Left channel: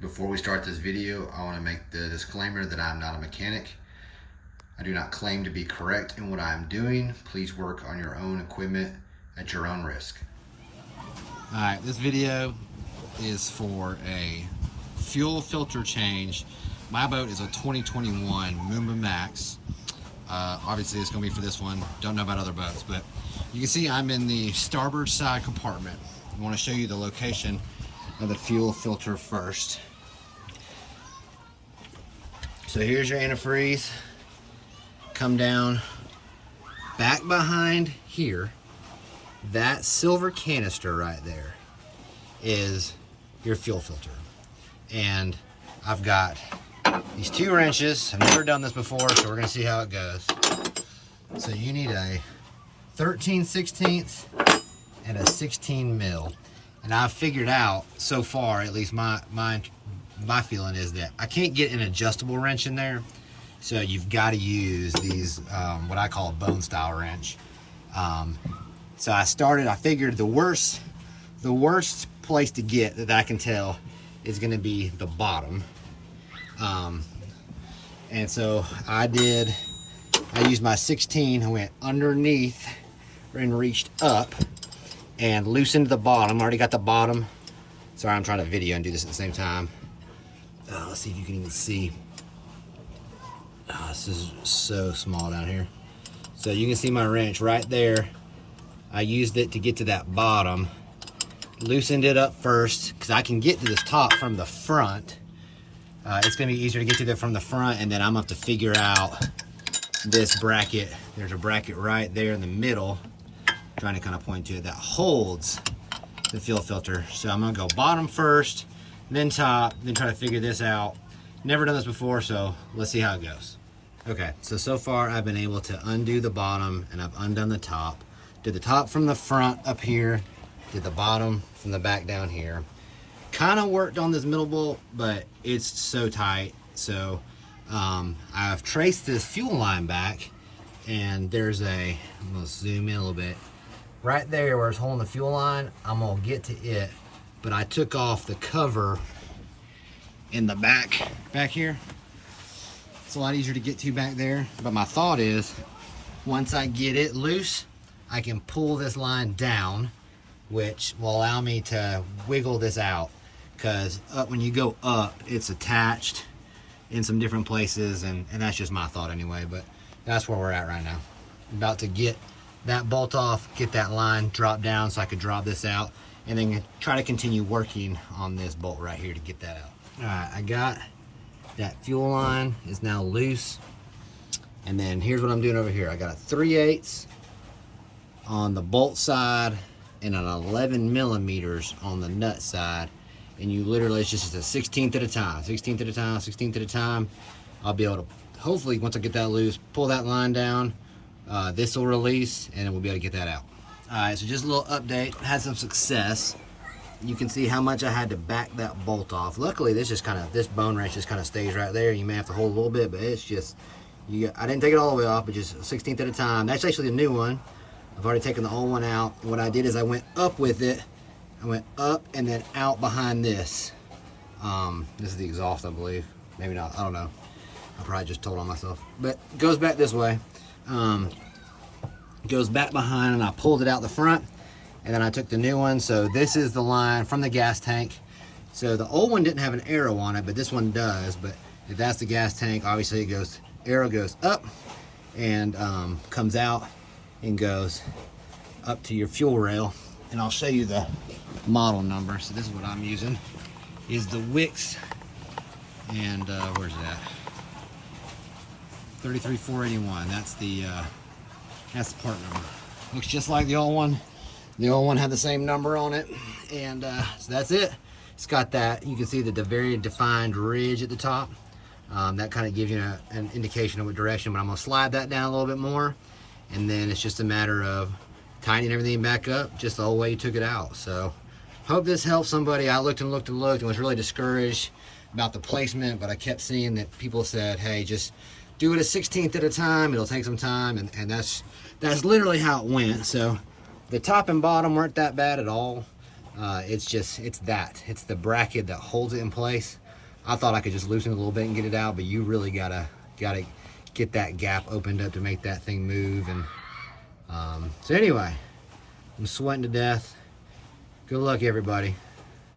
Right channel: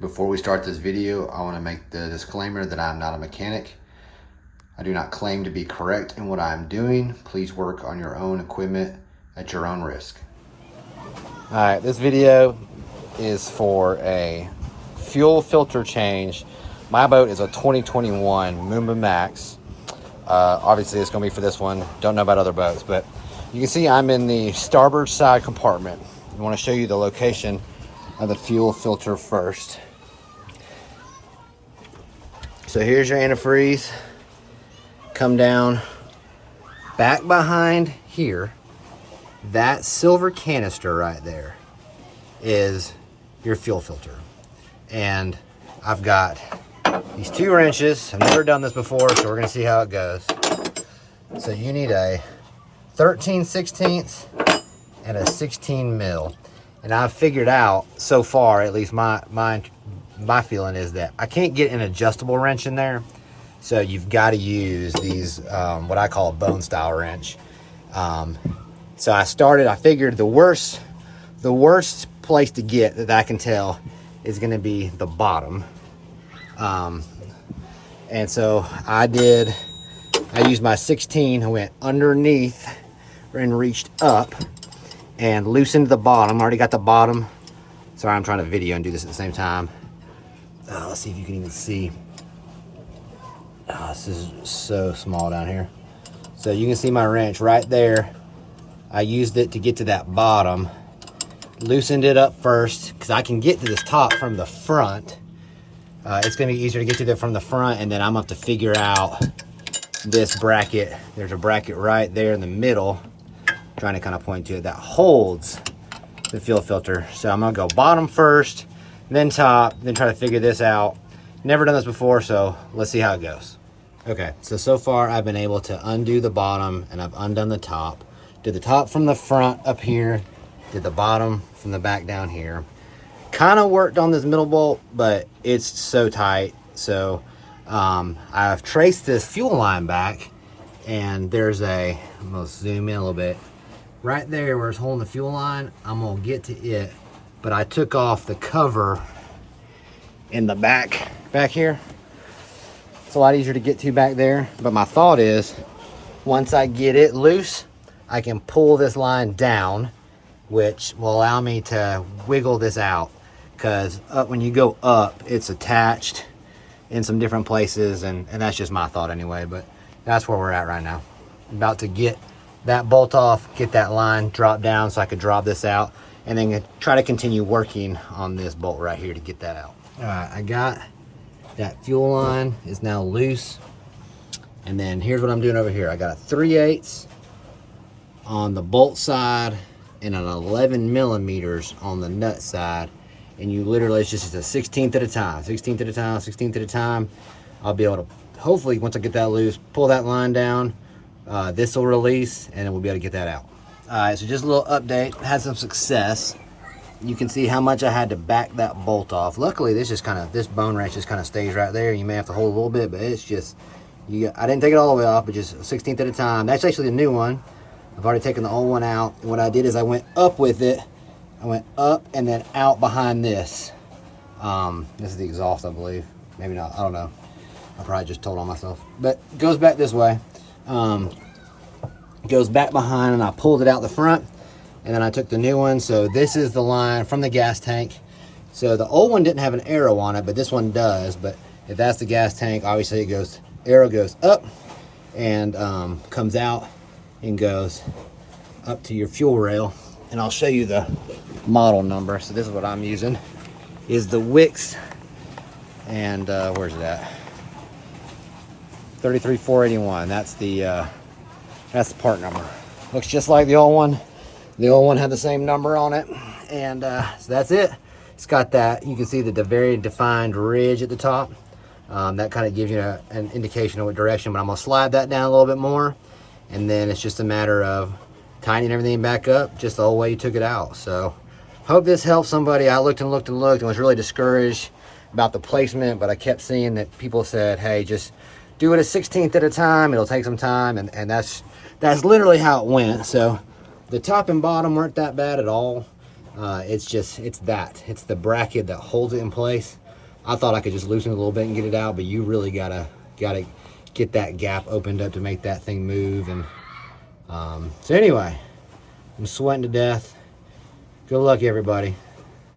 Before we start this video, I want to make the disclaimer that I'm not a mechanic. I do not claim to be correct in what I am doing. Please work on your own equipment at your own risk. All right, this video is for a fuel filter change. My boat is a 2021 Moomba Max. Obviously, it's going to be for this one. Don't know about other boats, but you can see I'm in the starboard side compartment. I want to show you the location of the fuel filter first. So here's your antifreeze. Come down back behind here. That silver canister right there is your fuel filter. And I've got these two wrenches. I've never done this before, so we're gonna see how it goes. So you need a 13/16 and a 16 mil. And I've figured out so far, at least my feeling is that I can't get an adjustable wrench in there. So you've got to use these, what I call a bone style wrench. So I figured the worst place to get that I can tell is going to be the bottom. And so I used my 16, I went underneath and reached up and loosened the bottom. I already got the bottom. Sorry, I'm trying to video and do this at the same time. Let's see if you can even see. This is so small down here. So you can see my wrench right there. I used it to get to that bottom. Loosened it up first because I can get to this top from the front. It's going to be easier to get to it from the front, and then I'm going to have to figure out this bracket. There's a bracket right there in the middle. I'm trying to kind of point to it that holds the fuel filter. So I'm going to go bottom first, then top, then try to figure this out. Never done this before, so let's see how it goes. Okay, so far I've been able to undo the bottom and I've undone the top. Did the top from the front up here, did the bottom from the back down here. Kind of worked on this middle bolt, but it's so tight. So I've traced this fuel line back, and there's I'm gonna zoom in a little bit. Right there where it's holding the fuel line, I'm gonna get to it, but I took off the cover in the back here. It's a lot easier to get to back there, but my thought is once I get it loose, I can pull this line down, which will allow me to wiggle this out, because when you go up, it's attached in some different places, and that's just my thought anyway, but that's where we're at right now. I'm about to get that bolt off, get that line drop down so I could drop this out, and then try to continue working on this bolt right here to get that out. All right, I got that fuel line is now loose. And then here's what I'm doing over here. I got a 3/8 on the bolt side and an 11 millimeters on the nut side. And you literally, it's just a 16th at a time, 16th at a time, 16th at a time. I'll be able to, hopefully once I get that loose, pull that line down. This will release and then we'll be able to get that out. All right, so just a little update. Had some success. You can see how much I had to back that bolt off. Luckily, this bone wrench just kind of stays right there. You may have to hold a little bit, but it's just, I didn't take it all the way off, but just 16th at a time. That's actually a new one. I've already taken the old one out. And what I did is I went up with it. I went up and then out behind this. This is the exhaust, I believe. Maybe not, I don't know. I probably just told on myself. But it goes back this way. Goes back behind, and I pulled it out the front. And then I took the new one. So this is the line from the gas tank. So the old one didn't have an arrow on it, but this one does. But if that's the gas tank, obviously arrow goes up and comes out and goes up to your fuel rail. And I'll show you the model number. So this is what I'm using, is the Wix, and where's it at? 33481. That's the part number. Looks just like the old one. The old one had the same number on it, and so that's it. It's got that, you can see the very defined ridge at the top. That kind of gives you an indication of what direction, but I'm gonna slide that down a little bit more, and then it's just a matter of tightening everything back up just the whole way you took it out. So hope this helps somebody. I looked and looked and looked and was really discouraged about the placement, but I kept seeing that people said, hey, just do it a 16th at a time. It'll take some time, and that's literally how it went. So the top and bottom weren't that bad at all. It's the bracket that holds it in place. I thought I could just loosen it a little bit and get it out, but you really gotta get that gap opened up to make that thing move. And so anyway, I'm sweating to death. Good luck, everybody.